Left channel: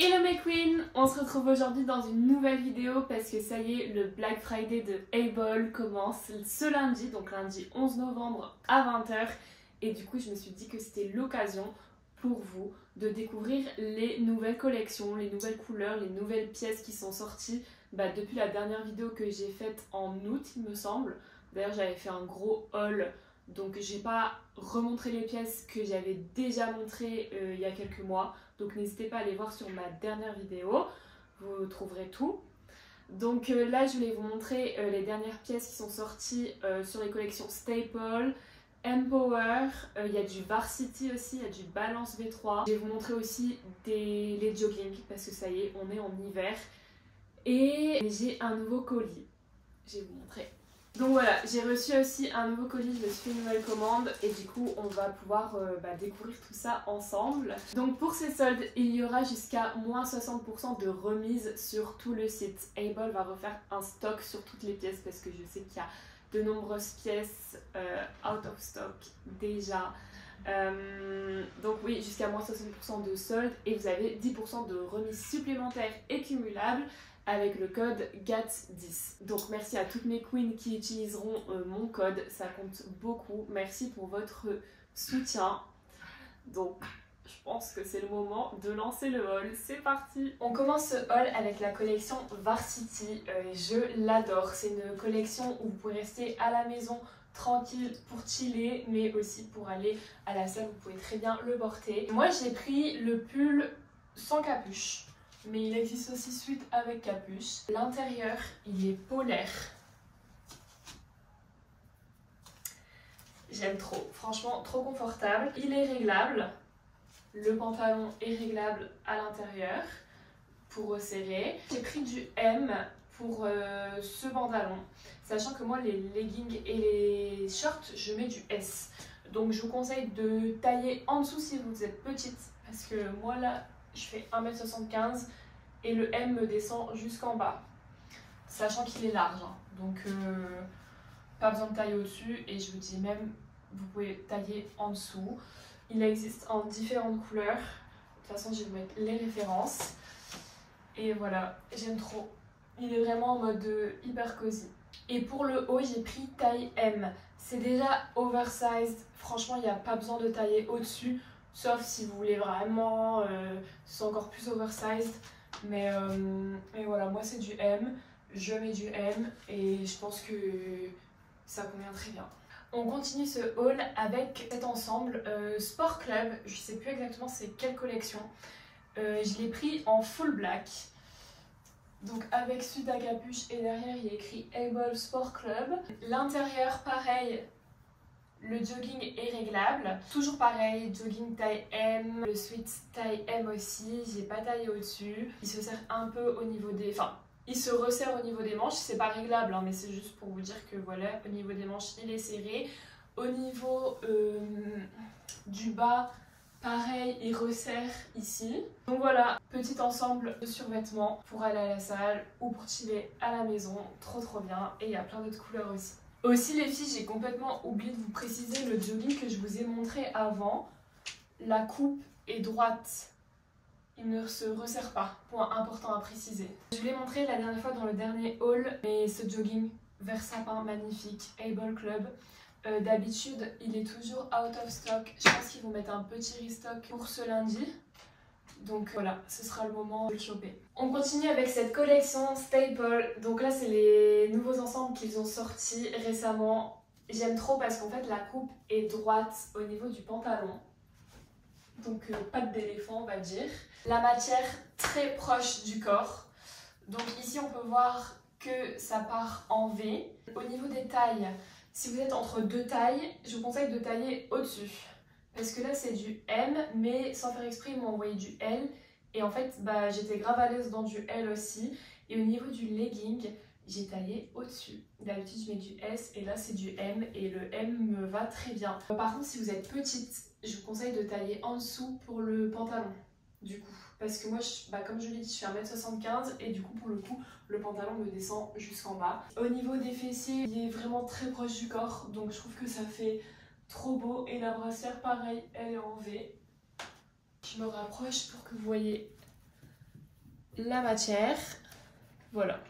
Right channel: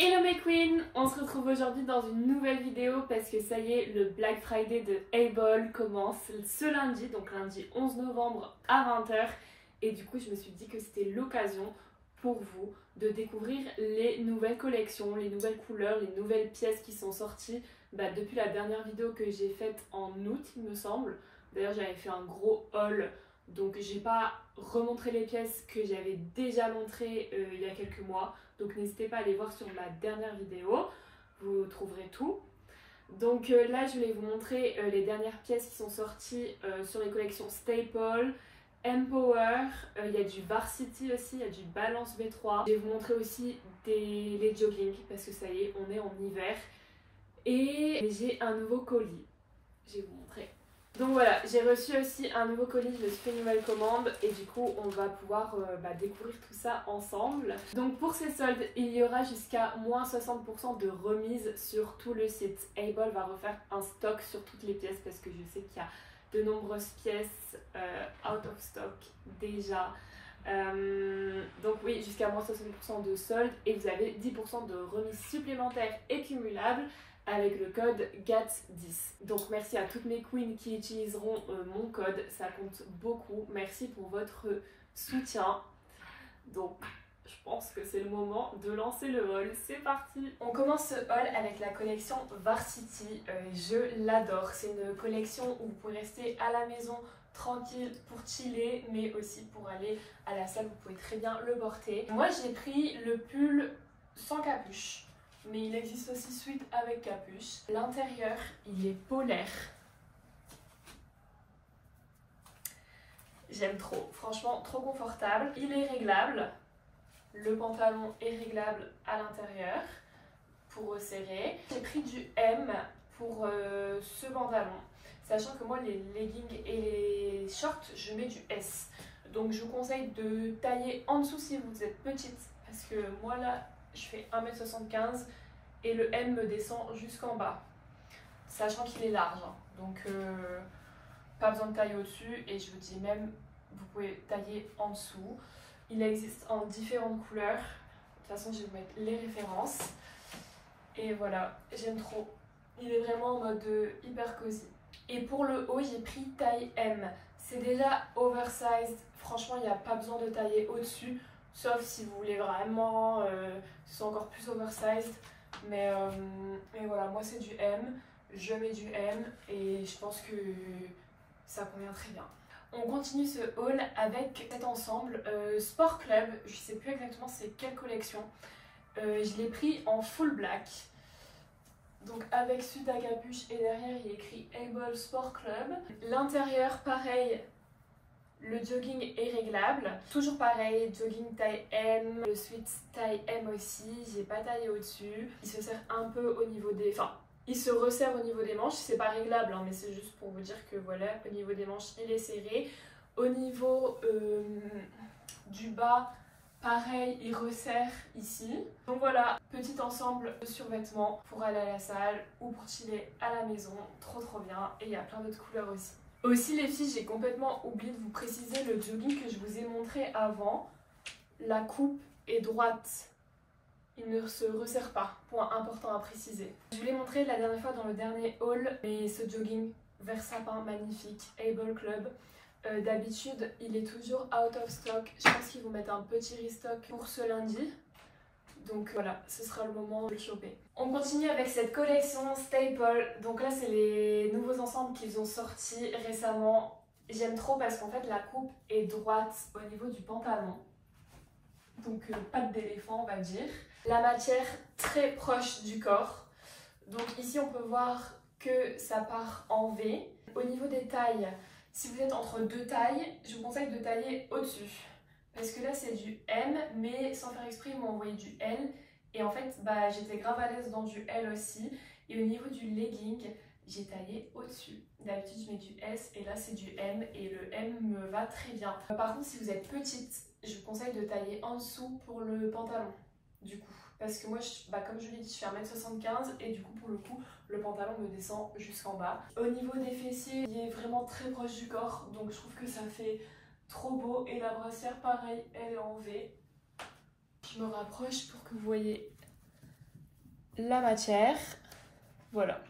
Hello mes queens, on se retrouve aujourd'hui dans une nouvelle vidéo parce que ça y est, le Black Friday de Able commence ce lundi, donc lundi 11 novembre à 20 h. Et du coup je me suis dit que c'était l'occasion pour vous de découvrir les nouvelles collections, les nouvelles couleurs, les nouvelles pièces qui sont sorties depuis la dernière vidéo que j'ai faite en août il me semble. D'ailleurs j'avais fait un gros haul, donc j'ai pas remontré les pièces que j'avais déjà montrées il y a quelques mois. Donc n'hésitez pas à aller voir sur ma dernière vidéo, vous trouverez tout. Donc là je vais vous montrer les dernières pièces qui sont sorties sur les collections Staple, Empower, il y a du Varsity aussi, il y a du Balance V3. Je vais vous montrer aussi les jogging parce que ça y est, on est en hiver. Et j'ai un nouveau colis, je vais vous montrer. Donc voilà, j'ai reçu aussi un nouveau colis, je me suis fait une nouvelle commande et du coup on va pouvoir découvrir tout ça ensemble. Donc pour ces soldes, il y aura jusqu'à moins 60% de remise sur tout le site. Able va refaire un stock sur toutes les pièces parce que je sais qu'il y a de nombreuses pièces out of stock déjà. Donc oui, jusqu'à moins 60% de soldes et vous avez 10% de remise supplémentaire et cumulable avec le code GATS10. Donc merci à toutes mes queens qui utiliseront mon code, ça compte beaucoup. Merci pour votre soutien. Donc je pense que c'est le moment de lancer le haul, c'est parti. On commence ce haul avec la collection Varsity, je l'adore. C'est une collection où vous pouvez rester à la maison tranquille pour chiller, mais aussi pour aller à la salle, vous pouvez très bien le porter. Moi j'ai pris le pull sans capuche, mais il existe aussi suite avec capuche. L'intérieur, il est polaire. J'aime trop, franchement trop confortable. Il est réglable. Le pantalon est réglable à l'intérieur pour resserrer. J'ai pris du M pour ce pantalon, sachant que moi les leggings et les shorts, je mets du S. Donc je vous conseille de tailler en dessous si vous êtes petite, parce que moi là, je fais 1m75 et le M me descend jusqu'en bas, sachant qu'il est large, hein. Donc pas besoin de tailler au-dessus et je vous dis même, vous pouvez tailler en dessous. Il existe en différentes couleurs, de toute façon je vais vous mettre les références. Et voilà, j'aime trop. Il est vraiment en mode hyper cosy. Et pour le haut, j'ai pris taille M. C'est déjà oversized. Franchement, il n'y a pas besoin de tailler au-dessus. Sauf si vous voulez vraiment ce soit encore plus oversized. Mais voilà, moi c'est du M. Je mets du M et je pense que ça convient très bien. On continue ce haul avec cet ensemble Sport Club. Je sais plus exactement c'est quelle collection. Je l'ai pris en full black, donc avec suite à capuche et derrière il y a écrit Able Sport Club. L'intérieur pareil, le jogging est réglable, toujours pareil, jogging taille M, le sweat taille M aussi, j'ai pas taillé au dessus. Il se serre un peu au niveau des... Enfin, il se resserre au niveau des manches, c'est pas réglable hein, mais c'est juste pour vous dire que voilà, au niveau des manches il est serré. Au niveau du bas, pareil, il resserre ici. Donc voilà, petit ensemble de survêtements pour aller à la salle ou pour chiller à la maison. Trop bien. Et il y a plein d'autres couleurs aussi. Aussi les filles, j'ai complètement oublié de vous préciser le jogging que je vous ai montré avant. La coupe est droite. Il ne se resserre pas. Point important à préciser. Je vous l'ai montré la dernière fois dans le dernier haul. Mais ce jogging vert sapin magnifique, Able Club. D'habitude, il est toujours out of stock. Je pense qu'ils vont mettre un petit restock pour ce lundi. Donc voilà, ce sera le moment de le choper. On continue avec cette collection Staple. Donc là, c'est les nouveaux ensembles qu'ils ont sortis récemment. J'aime trop parce qu'en fait, la coupe est droite au niveau du pantalon. Donc patte d'éléphant, on va dire. La matière très proche du corps. Donc ici, on peut voir que ça part en V. Au niveau des tailles, si vous êtes entre deux tailles, je vous conseille de tailler au-dessus. Parce que là c'est du M, mais sans faire exprès, ils m'ont envoyé du L. Et en fait, j'étais grave à l'aise dans du L aussi. Et au niveau du legging, j'ai taillé au-dessus. D'habitude, je mets du S et là c'est du M. Et le M me va très bien. Par contre, si vous êtes petite, je vous conseille de tailler en dessous pour le pantalon. Du coup, parce que moi, comme je l'ai dit, je fais 1m75 et du coup, pour le coup, le pantalon me descend jusqu'en bas. Au niveau des fessiers, il est vraiment très proche du corps, donc je trouve que ça fait trop beau. Et la brassière, pareil, elle est en V. Je me rapproche pour que vous voyez la matière. Voilà.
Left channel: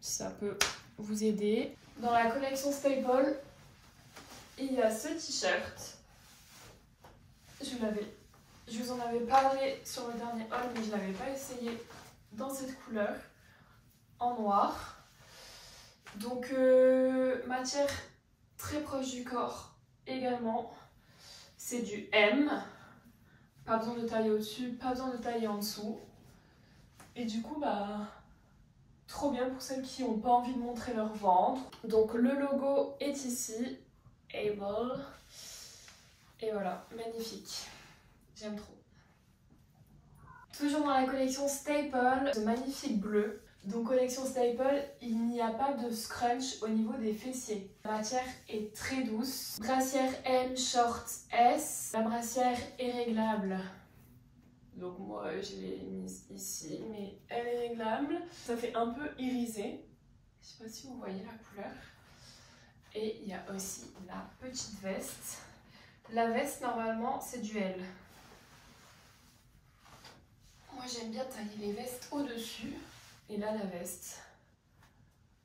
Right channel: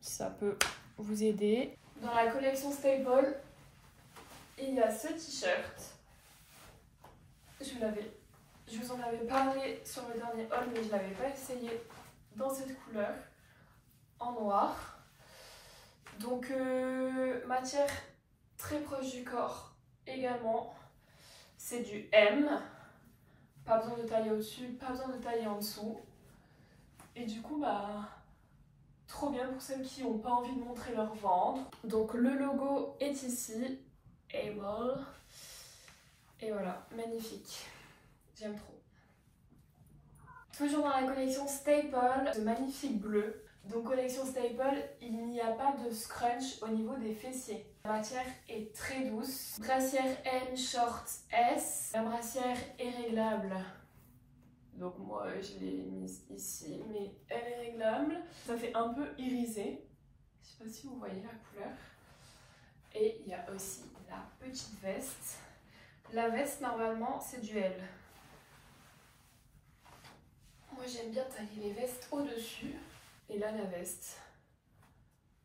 Ça peut vous aider. Dans la collection Staple, il y a ce t-shirt. Je vous en avais parlé sur le dernier haul, mais je ne l'avais pas essayé dans cette couleur, en noir. Donc, matière très proche du corps également. C'est du M. Pas besoin de tailler au-dessus, pas besoin de tailler en dessous. Et du coup, bah, trop bien pour celles qui n'ont pas envie de montrer leur ventre. Donc, le logo est ici. Able. Et voilà, magnifique. J'aime trop. Toujours dans la collection Staple, ce magnifique bleu. Donc collection Staple, il n'y a pas de scrunch au niveau des fessiers. La matière est très douce. Brassière M, short S. La brassière est réglable. Donc moi je l'ai mise ici, mais elle est réglable. Ça fait un peu irisé. Je sais pas si vous voyez la couleur. Et il y a aussi la petite veste. La veste normalement c'est du L. Moi j'aime bien tailler les vestes au-dessus. Et là la veste.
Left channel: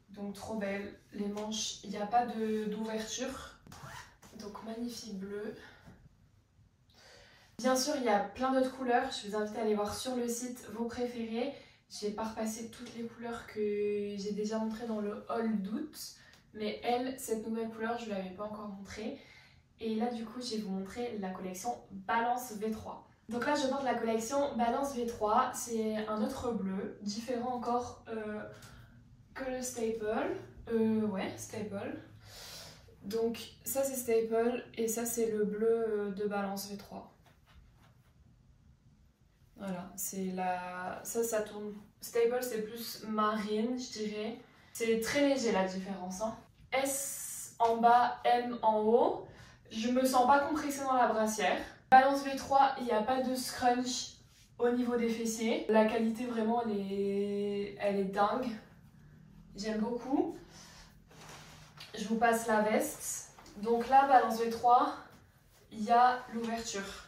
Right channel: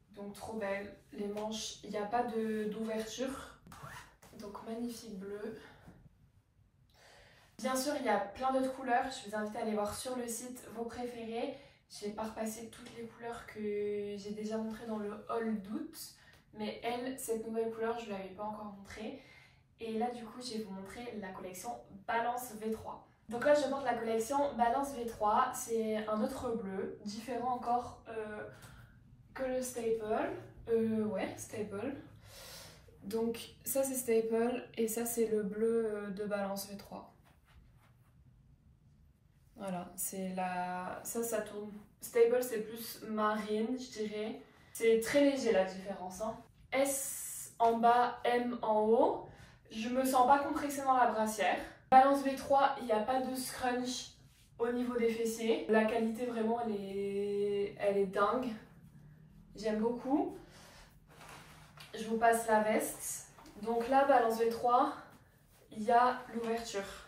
Donc trop belle. Les manches, il n'y a pas d'ouverture. Donc magnifique bleu. Bien sûr il y a plein d'autres couleurs. Je vous invite à aller voir sur le site vos préférés. Je ne vais pas repasser toutes les couleurs que j'ai déjà montrées dans le haul d'août. Mais elle, cette nouvelle couleur, je ne l'avais pas encore montrée. Et là du coup je vais vous montrer la collection Balance V3. Donc là je porte la collection Balance V3, c'est un autre bleu, différent encore que le Staple. Ouais, Staple. Donc ça c'est Staple et ça c'est le bleu de Balance V3. Voilà, c'est la... ça tourne. Staple c'est plus marine je dirais. C'est très léger la différence. Hein. S en bas, M en haut. Je me sens pas compressée dans la brassière. Balance V3, il n'y a pas de scrunch au niveau des fessiers. La qualité vraiment elle est dingue. J'aime beaucoup. Je vous passe la veste. Donc là, Balance V3, il y a l'ouverture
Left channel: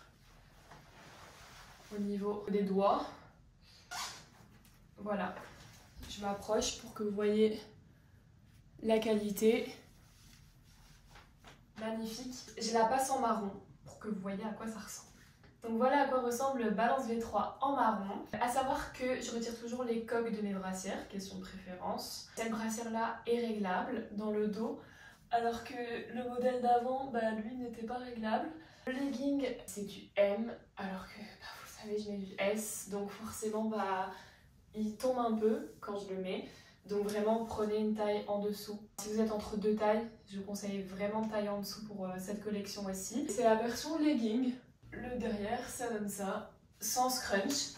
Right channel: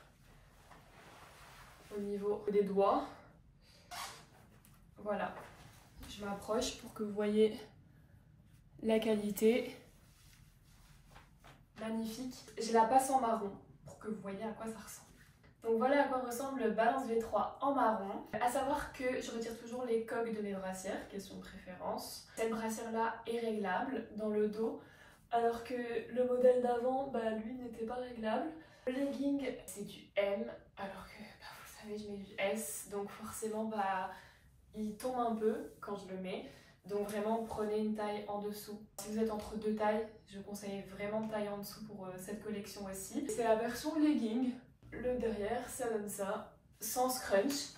au niveau des doigts. Voilà. Je m'approche pour que vous voyez la qualité. Magnifique. Je la passe en marron pour que vous voyez à quoi ça ressemble. Donc voilà à quoi ressemble le Balance V3 en marron. À savoir que je retire toujours les coques de mes brassières, question de préférence. Cette brassière là est réglable dans le dos, alors que le modèle d'avant, bah, lui n'était pas réglable. Le legging c'est du M, alors que bah, vous savez je mets du S, donc forcément bah, il tombe un peu quand je le mets. Donc vraiment prenez une taille en dessous. Si vous êtes entre deux tailles, je vous conseille vraiment de tailler en dessous pour cette collection aussi. C'est la version legging. Le derrière ça donne ça, sans scrunch.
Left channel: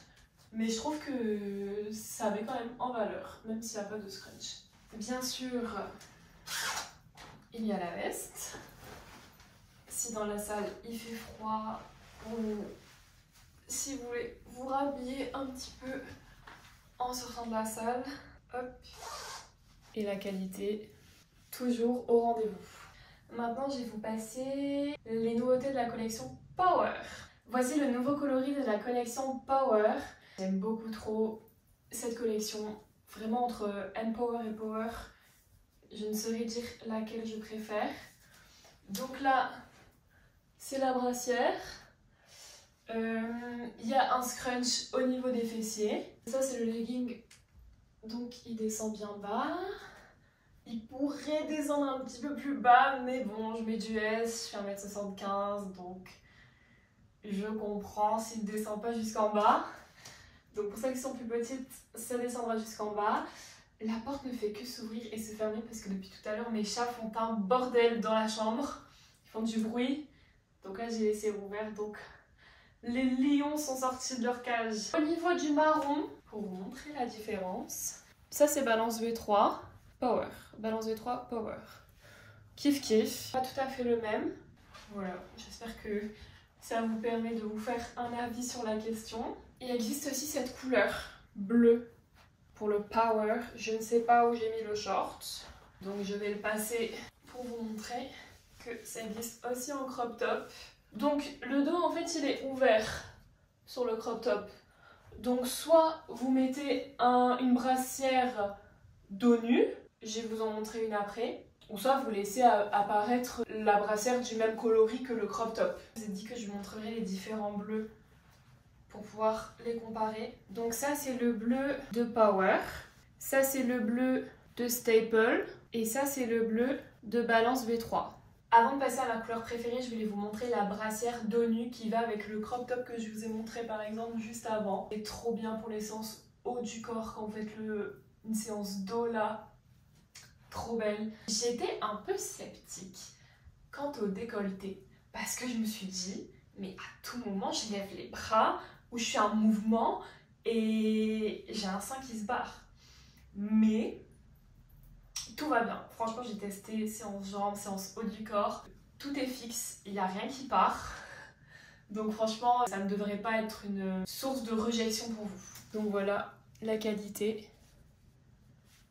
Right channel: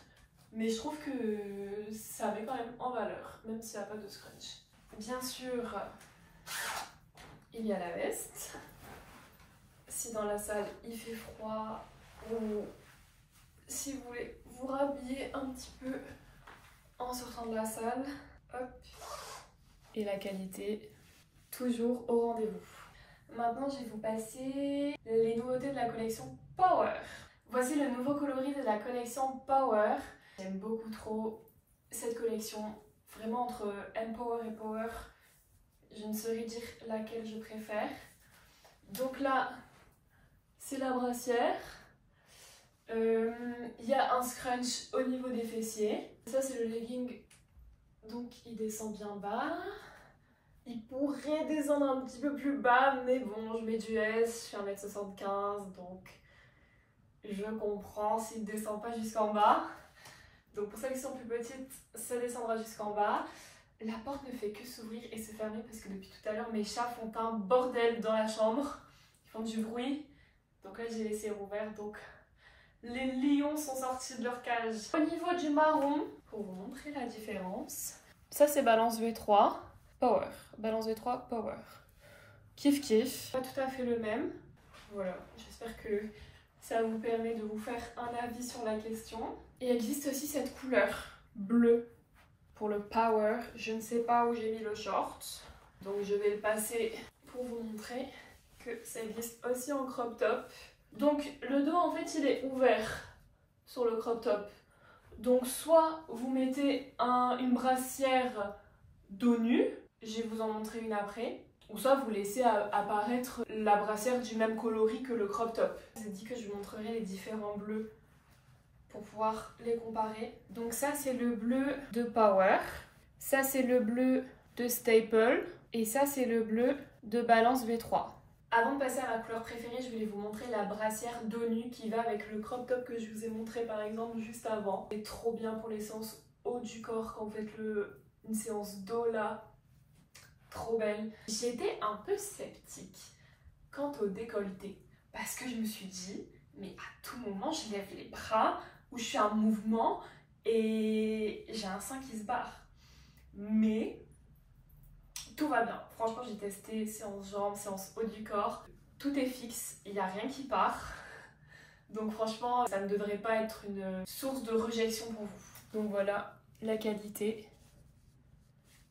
Mais je trouve que ça met quand même en valeur, même s'il n'y a pas de scrunch. Bien sûr, il y a la veste. Si dans la salle il fait froid ou si vous voulez vous rhabiller un petit peu en sortant de la salle, hop. Et la qualité, toujours au rendez-vous. Maintenant, je vais vous passer les nouveautés de la collection Power. Voici le nouveau coloris de la collection Power. J'aime beaucoup trop cette collection. Vraiment entre Empower et Power, je ne saurais dire laquelle je préfère. Donc là, c'est la brassière. Il y a un scrunch au niveau des fessiers. Ça, c'est le legging. Donc il descend bien bas. Il pourrait descendre un petit peu plus bas, mais bon, je mets du S, je fais 1m75, donc je comprends s'il ne descend pas jusqu'en bas. Donc pour celles qui sont plus petites, ça descendra jusqu'en bas. La porte ne fait que s'ouvrir et se fermer parce que depuis tout à l'heure, mes chats font un bordel dans la chambre. Ils font du bruit. Donc là, j'ai laissé ouvert, donc les lions sont sortis de leur cage. Au niveau du marron, pour vous montrer la différence, ça c'est Balance V3 Power. Balance V3 Power. Kiff kiff. Pas tout à fait le même. Voilà, j'espère que ça vous permet de vous faire un avis sur la question. Il existe aussi cette couleur bleue pour le Power. Je ne sais pas où j'ai mis le short, donc je vais le passer pour vous montrer que ça existe aussi en crop top. Donc le dos en fait il est ouvert sur le crop top. Donc soit vous mettez une brassière dos nu, je vais vous en montrer une après, ou soit vous laissez apparaître la brassière du même coloris que le crop top. Je vous ai dit que je vous montrerai les différents bleus pour pouvoir les comparer. Donc ça c'est le bleu de Power, ça c'est le bleu de Staple et ça c'est le bleu de Balance V3. Avant de passer à ma couleur préférée, je voulais vous montrer la brassière dos nu qui va avec le crop top que je vous ai montré par exemple juste avant. C'est trop bien pour les séances haut du corps quand vous faites une séance dos là. Trop belle. J'étais un peu sceptique quant au décolleté parce que je me suis dit, mais à tout moment je lève les bras ou je fais un mouvement et j'ai un sein qui se barre. Mais tout va bien. Franchement, j'ai testé séance jambes, séance haut du corps. Tout est fixe, il n'y a rien qui part. Donc franchement, ça ne devrait pas être une source de rejection pour vous. Donc voilà la qualité.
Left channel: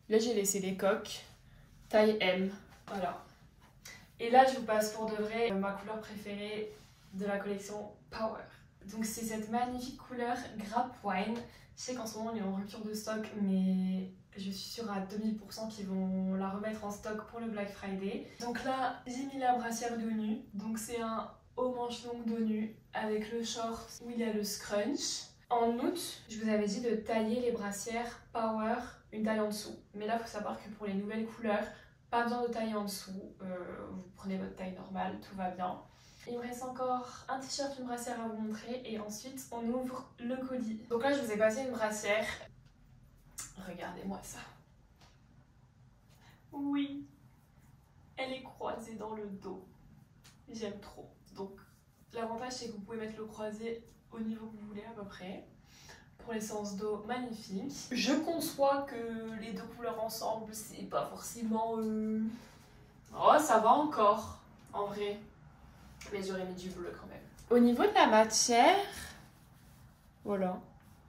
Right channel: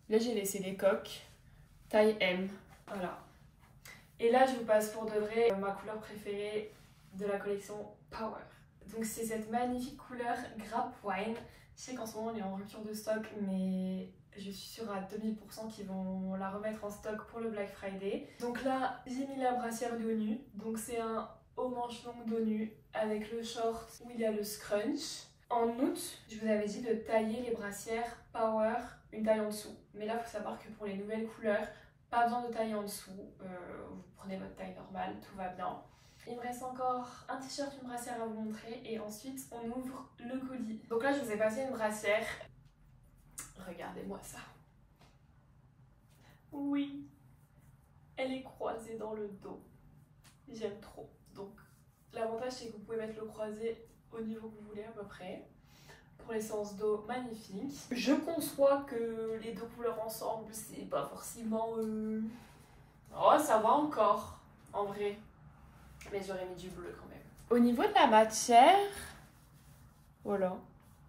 Là, j'ai laissé les coques. Taille M. Voilà. Et là, je vous passe pour de vrai ma couleur préférée de la collection Power. Donc c'est cette magnifique couleur Grape Wine. Je sais qu'en ce moment, on est en rupture de stock, mais je suis sûre à 2000% qu'ils vont la remettre en stock pour le Black Friday. Donc là, j'ai mis la brassière dos nu. Donc c'est un haut manche longue dos nu avec le short où il y a le scrunch. En août, je vous avais dit de tailler les brassières Power une taille en dessous. Mais là, il faut savoir que pour les nouvelles couleurs, pas besoin de tailler en dessous. Vous prenez votre taille normale, tout va bien. Il me reste encore un t-shirt, une brassière à vous montrer et ensuite on ouvre le colis. Donc là, je vous ai passé une brassière. Regardez-moi ça. Oui, elle est croisée dans le dos. J'aime trop. Donc l'avantage c'est que vous pouvez mettre le croisé au niveau que vous voulez à peu près. Pour les séances dos, magnifique. Je conçois que les deux couleurs ensemble, c'est pas forcément... Oh, ça va encore, en vrai. Mais j'aurais mis du bleu quand même. Au niveau de la matière, voilà.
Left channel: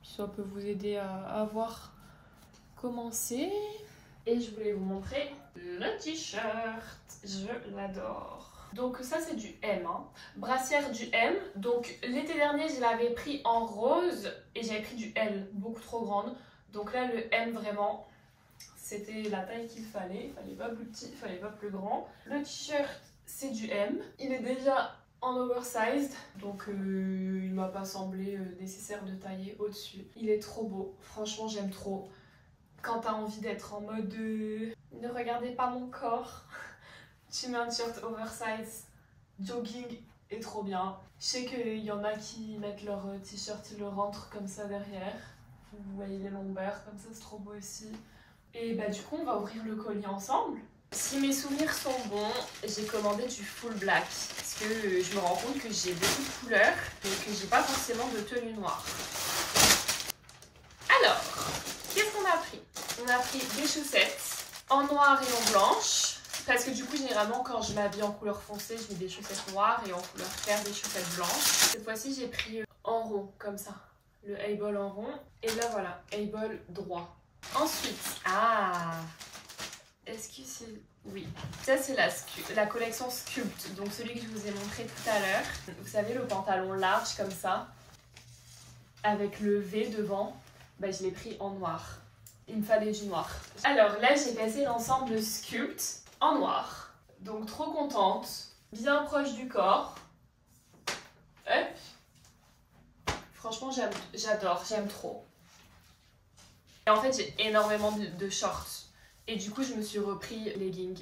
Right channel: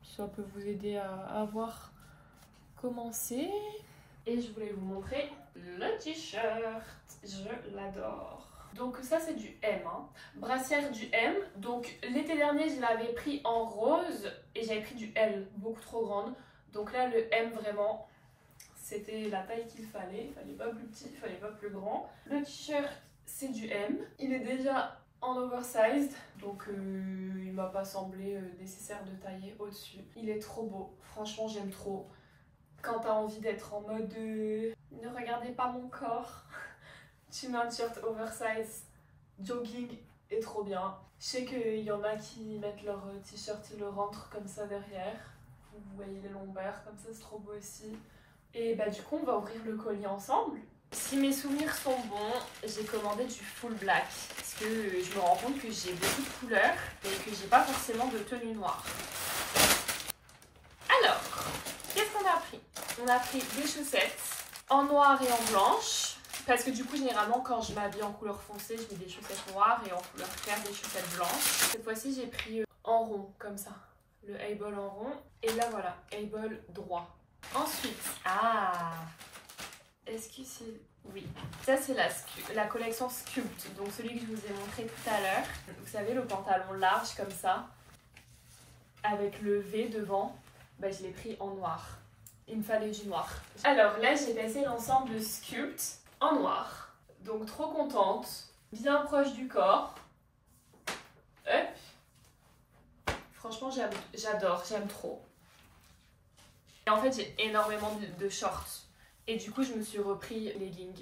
Ça peut vous aider à voir comment c'est. Et je voulais vous montrer le t-shirt. Je l'adore. Donc ça c'est du M, hein. Brassière du M. Donc l'été dernier je l'avais pris en rose et j'avais pris du L, beaucoup trop grande. Donc là le M vraiment c'était la taille qu'il fallait. Il fallait pas plus petit, il fallait pas plus grand. Le t-shirt c'est du M. Il est déjà en oversized, donc il m'a pas semblé nécessaire de tailler au-dessus. Il est trop beau, franchement j'aime trop. Quand t'as envie d'être en mode ne regardez pas mon corps, tu mets un t-shirt oversize, jogging est trop bien. Je sais qu'il y en a qui mettent leur t-shirt, ils le rentrent comme ça derrière. Vous voyez les lombaires, comme ça c'est trop beau aussi. Et bah du coup on va ouvrir le colis ensemble. Si mes souvenirs sont bons, j'ai commandé du full black parce que je me rends compte que j'ai beaucoup de couleurs et que j'ai pas forcément de tenue noire. Alors, qu'est-ce qu'on a pris? On a pris des chaussettes en noir et en blanche parce que du coup généralement quand je m'habille en couleur foncée, je mets des chaussettes noires et en couleur claire des chaussettes blanches. Cette fois-ci j'ai pris en rond comme ça, le A-ball en rond et là voilà, A-ball droit. Ensuite, est-ce que c'est... Oui. Ça, c'est la collection Sculpt. Donc, celui que je vous ai montré tout à l'heure. Vous savez, le pantalon large comme ça. Avec le V devant. Bah, je l'ai pris en noir. Il me fallait du noir. Alors, là, j'ai passé l'ensemble Sculpt en noir. Donc, trop contente. Bien proche du corps. Hop. Franchement, j'adore. J'aime trop. Et en fait, j'ai énormément de shorts. Et du coup, je me suis repris legging.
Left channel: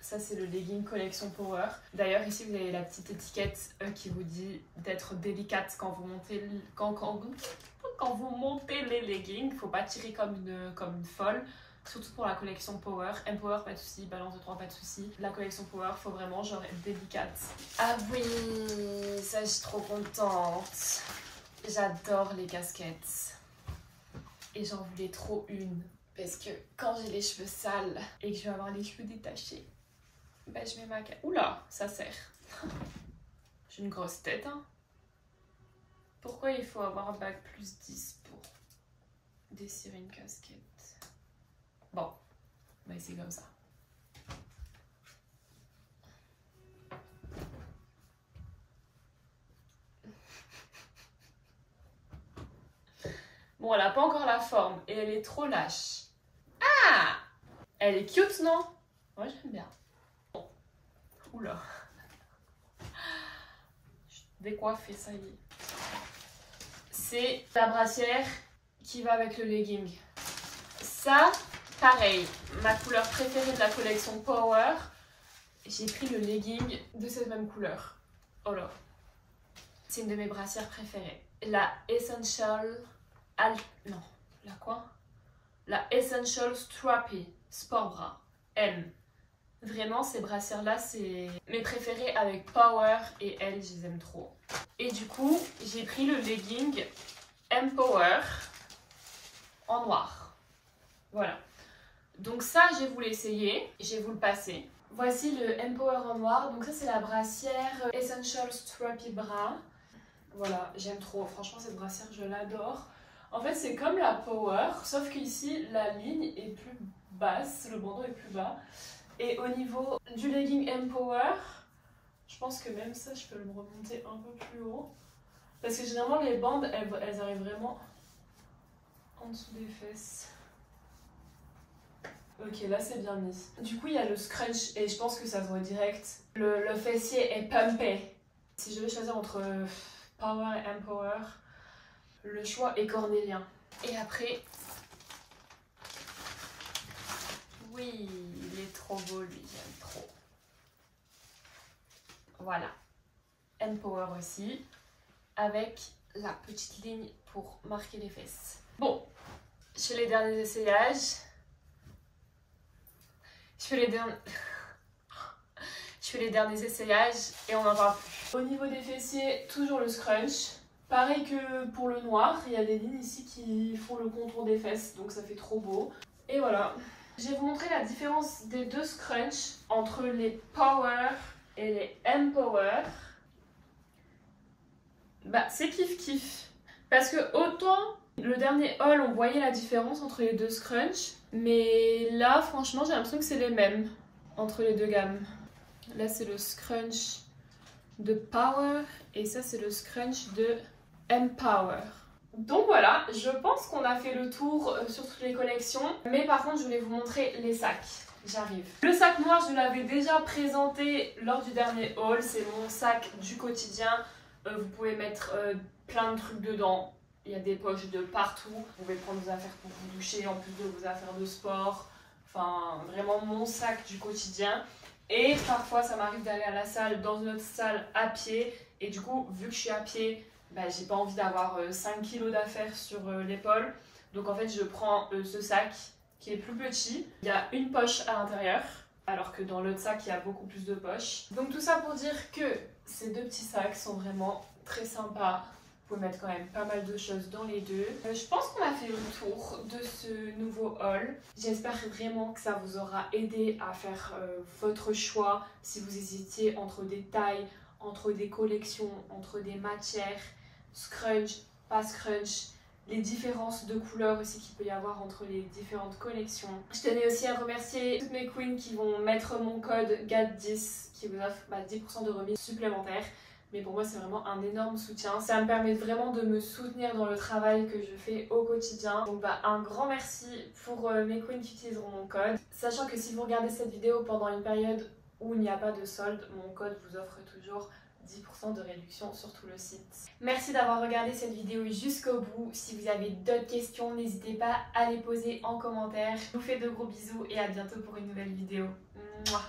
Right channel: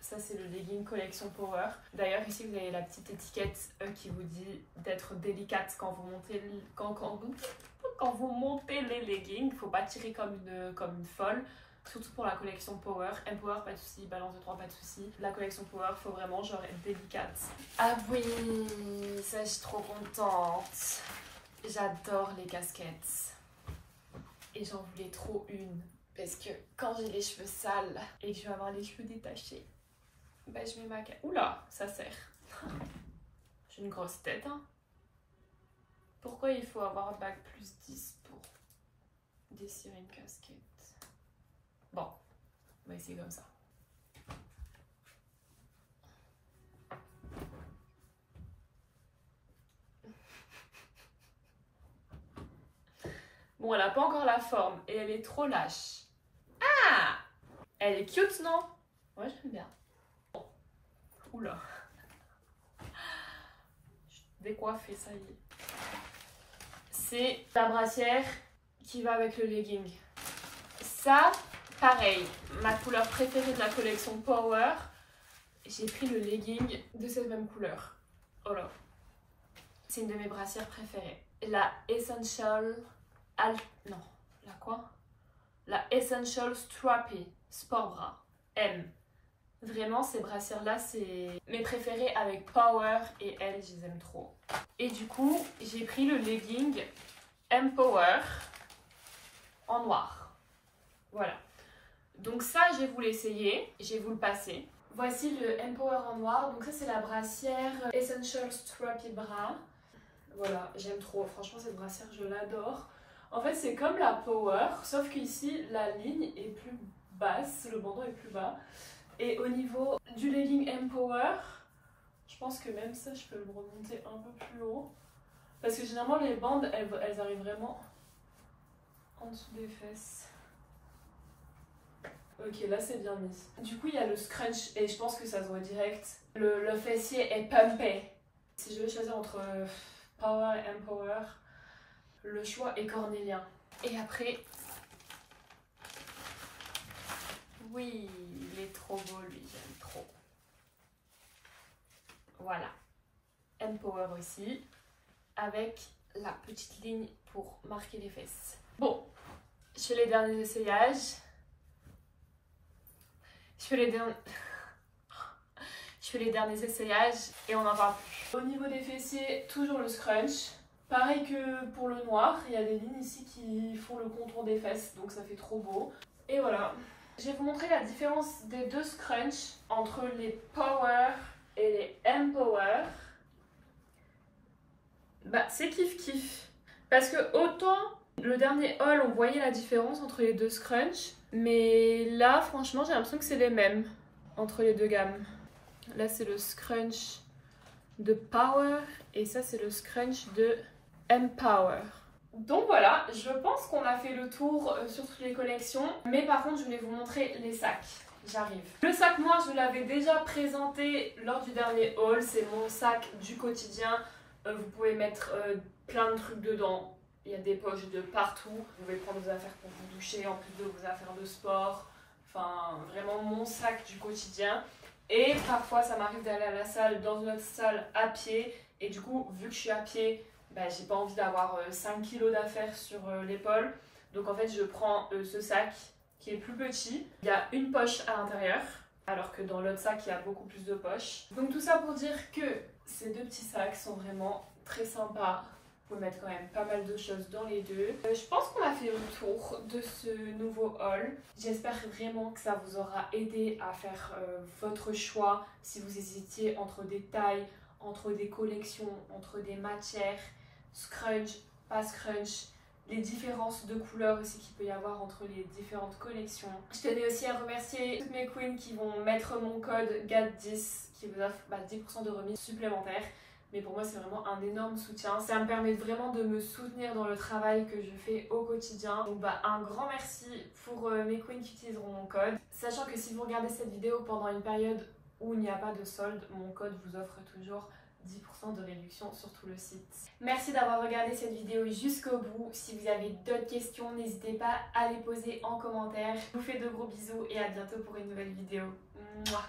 Ça, c'est le legging collection Power. D'ailleurs, ici, vous avez la petite étiquette qui vous dit d'être délicate quand vous montez, quand vous montez les leggings. Faut pas tirer comme une folle. Surtout pour la collection Power. M-Power, pas de souci. Balance de 3, pas de souci. La collection Power, faut vraiment genre être délicate. Ah oui, ça, je suis trop contente. J'adore les casquettes. Et j'en voulais trop une. Parce que quand j'ai les cheveux sales et que je vais avoir les cheveux détachés, bah je mets ma... Oula, ça sert. J'ai une grosse tête, hein. Pourquoi il faut avoir un bac plus 10 pour dessirer une casquette? Bon, on va essayer comme ça. Bon, elle n'a pas encore la forme et elle est trop lâche. Ah! Elle est cute, non? Ouais, j'aime bien. Bon. Oula. Je vais décoiffer, ça y est. C'est la brassière qui va avec le legging. Ça, pareil, ma couleur préférée de la collection Power. J'ai pris le legging de cette même couleur. Oh là. C'est une de mes brassières préférées. La Essential... Non, la quoi? La Essential Strappy Sport Bra M. Vraiment, ces brassières-là, c'est mes préférées avec Power et elles, je les aime trop. Et du coup, j'ai pris le legging M Power en noir. Voilà. Donc ça, je vais vous l'essayer, je vais vous le passer. Voici le M Power en noir. Donc ça, c'est la brassière Essential Strappy Bra. Voilà, j'aime trop. Franchement, cette brassière, je l'adore. En fait, c'est comme la Power, sauf qu'ici, la ligne est plus basse, le bandeau est plus bas. Et au niveau du legging M Power, je pense que même ça, je peux le remonter un peu plus haut. Parce que généralement, les bandes, elles arrivent vraiment en dessous des fesses. Ok, là, c'est bien mis. Du coup, il y a le scrunch et je pense que ça se voit direct. Le fessier est pumpé. Si je vais choisir entre Power et M Power, le choix est cornélien. Et après... Oui, il est trop beau lui, j'aime trop. Voilà. M Power aussi, avec la petite ligne pour marquer les fesses. Bon, je fais les derniers essayages. Je fais les derniers essayages et on n'en parle plus. Au niveau des fessiers, toujours le scrunch. Pareil que pour le noir, il y a des lignes ici qui font le contour des fesses, donc ça fait trop beau. Et voilà. Je vais vous montrer la différence des deux scrunch entre les Power et les M Power. Bah, c'est kiff kiff. Parce que autant le dernier haul, on voyait la différence entre les deux scrunch. Mais là, franchement, j'ai l'impression que c'est les mêmes entre les deux gammes. Là, c'est le scrunch de Power et ça, c'est le scrunch de M Power. Donc voilà, je pense qu'on a fait le tour sur toutes les collections. Mais par contre, je voulais vous montrer les sacs. J'arrive. Le sac, moi, je l'avais déjà présenté lors du dernier haul. C'est mon sac du quotidien. Vous pouvez mettre plein de trucs dedans. Il y a des poches de partout. Vous pouvez prendre vos affaires pour vous doucher en plus de vos affaires de sport. Enfin, vraiment mon sac du quotidien. Et parfois, ça m'arrive d'aller à la salle, dans une autre salle, à pied. Et du coup, vu que je suis à pied, bah, j'ai pas envie d'avoir 5 kilos d'affaires sur l'épaule. Donc en fait, je prends ce sac qui est plus petit. Il y a une poche à l'intérieur, alors que dans l'autre sac, il y a beaucoup plus de poches. Donc tout ça pour dire que ces deux petits sacs sont vraiment très sympas. Vous pouvez mettre quand même pas mal de choses dans les deux. Je pense qu'on a fait le tour de ce nouveau haul. J'espère vraiment que ça vous aura aidé à faire votre choix si vous hésitiez entre des tailles, entre des collections, entre des matières, scrunch, pas scrunch, les différences de couleurs aussi qu'il peut y avoir entre les différentes collections. Je tenais aussi à remercier toutes mes queens qui vont mettre mon code GAT10 qui vous offre 10% de remise supplémentaire. Mais pour moi, c'est vraiment un énorme soutien. Ça me permet vraiment de me soutenir dans le travail que je fais au quotidien. Donc un grand merci pour mes queens qui utiliseront mon code. Sachant que si vous regardez cette vidéo pendant une période où il n'y a pas de solde, mon code vous offre toujours 10% de réduction sur tout le site. Merci d'avoir regardé cette vidéo jusqu'au bout. Si vous avez d'autres questions, n'hésitez pas à les poser en commentaire. Je vous fais de gros bisous et à bientôt pour une nouvelle vidéo. Mouah.